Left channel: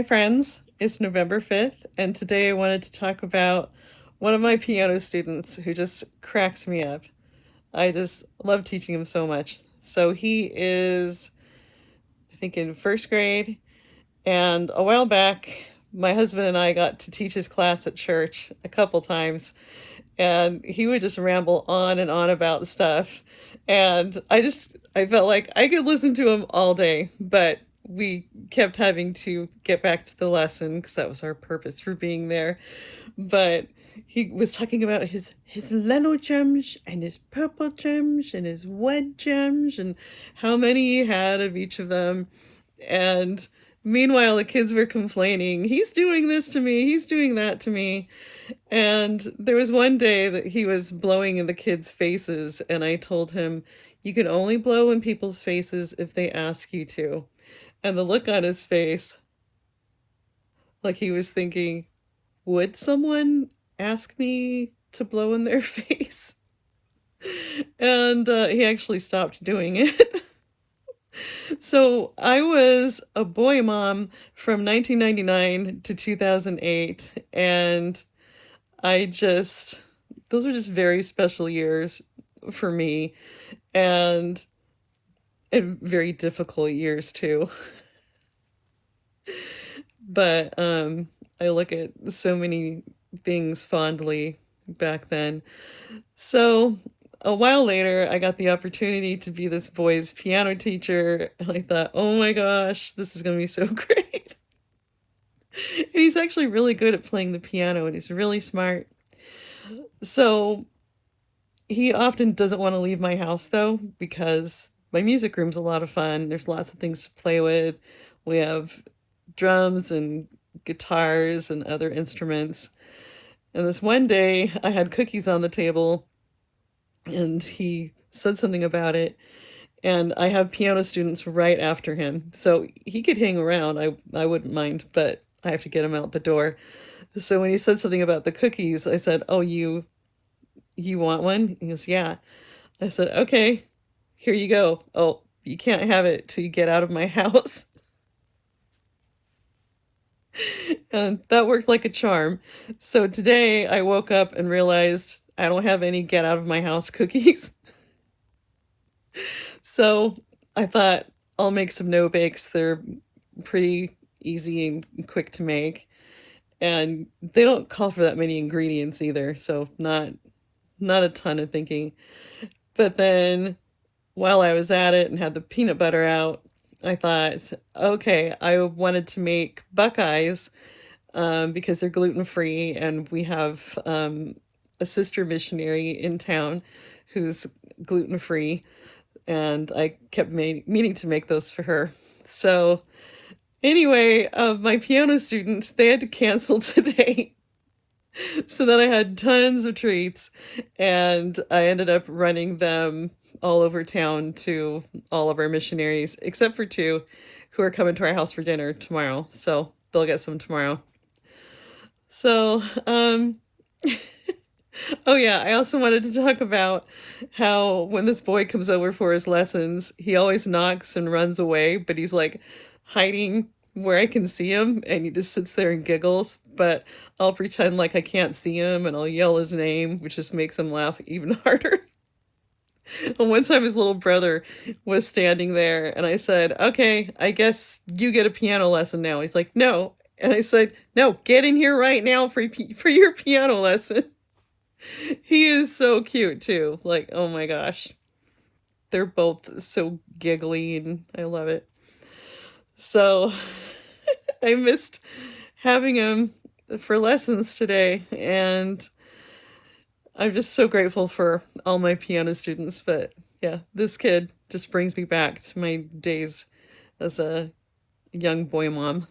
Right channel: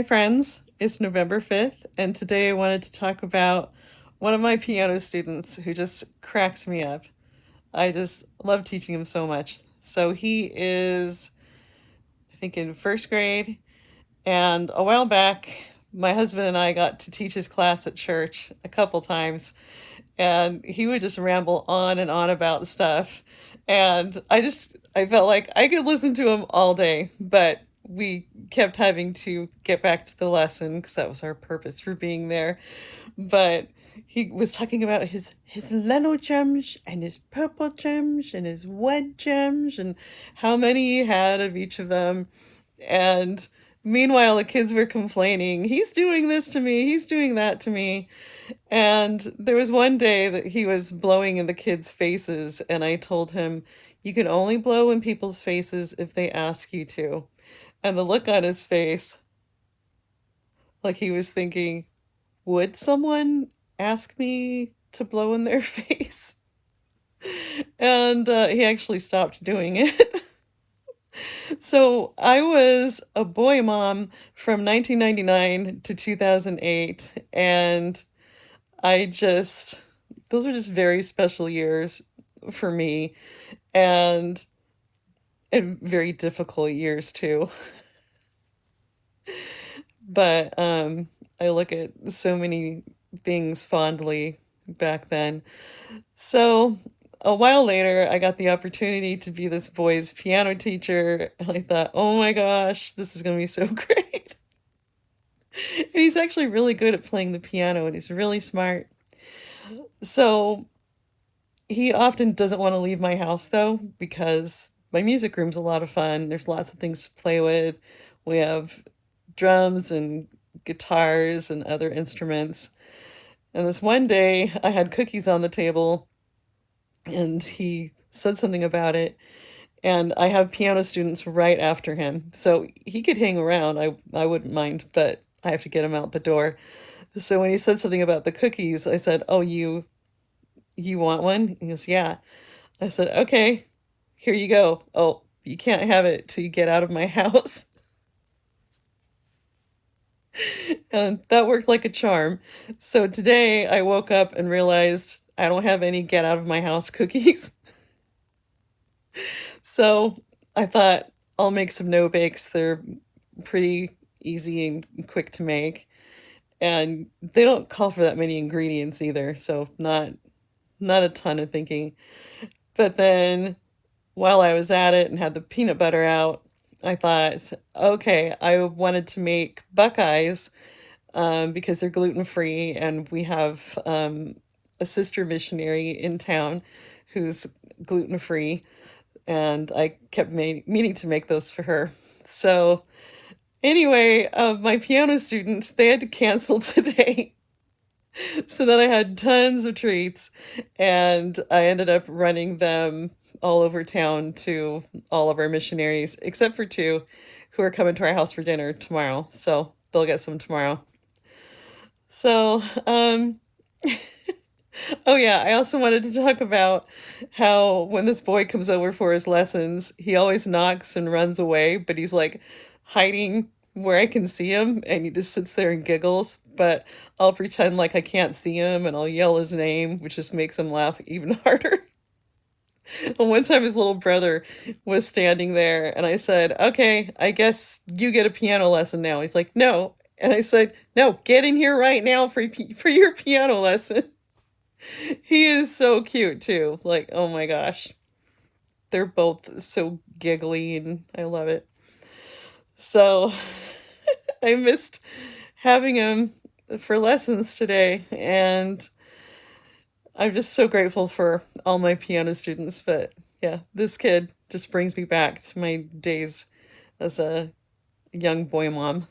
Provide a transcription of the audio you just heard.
Hi, friends. It's November 5th, and today I wanted to talk about one of my piano students who just cracks me up. I just love teaching him so much. So he is, I think, in first grade, and a while back, my husband and I got to teach his class at church a couple times, and he would just ramble on and on about stuff. And I felt like I could listen to him all day, but we kept having to get back to the lesson because that was our purpose for being there. But he was talking about his Leno gems and his purple gems and his wet gems and how many he had of each of them. And meanwhile, the kids were complaining, he's doing this to me, he's doing that to me. And there was one day that he was blowing in the kids' faces, and I told him, you can only blow in people's faces if they ask you to. And the look on his face, like he was thinking, would someone ask me to blow in their face? And he actually stopped doing it. So I was a boy mom from 1999 to 2008, and those were just very special years for me, and very difficult years too. But I look at so many things fondly back then. So a while later, I got the opportunity to be this boy's piano teacher, and I thought, oh my gosh, this is going to be so great. And he's actually really good at playing the piano, and he's really smart. So he often doesn't want to leave my house though, because my music room's a lot of fun. There's lots of things to play with. We have drums and guitars and other instruments. And this one day I had cookies on the table and he said something about it. And I have piano students right after him. So he could hang around. I wouldn't mind, but I have to get him out the door. So when he said something about the cookies, I said, oh, you want one? He goes, yeah. I said, okay, here you go. Oh, you can't have it till you get out of my house. And that worked like a charm. So today I woke up and realized I don't have any get out of my house cookies. So I thought I'll make some no bakes. They're pretty easy and quick to make. And they don't call for that many ingredients either, so not a ton of thinking. But then while I was at it and had the peanut butter out, I thought, okay, I wanted to make Buckeyes because they're gluten-free, and we have a sister missionary in town who's gluten-free, and I kept meaning to make those for her. So anyway, my piano students, they had to cancel today. So then I had tons of treats, and I ended up running them all over town to all of our missionaries, except for two who are coming to our house for dinner tomorrow. So they'll get some tomorrow. So, oh yeah, I also wanted to talk about how when this boy comes over for his lessons, he always knocks and runs away, but he's like hiding where I can see him, and he just sits there and giggles, but I'll pretend like I can't see him and I'll yell his name, which just makes him laugh even harder. And one time his little brother was standing there and I said, okay, I guess you get a piano lesson now. He's like, no. And I said, no, get in here right now for your piano lesson. He is so cute too. Like, oh my gosh. They're both so giggly and I love it. So I missed having him for lessons today, and I'm just so grateful for all my piano students. But yeah, this kid just brings me back to my days as a young boy mom.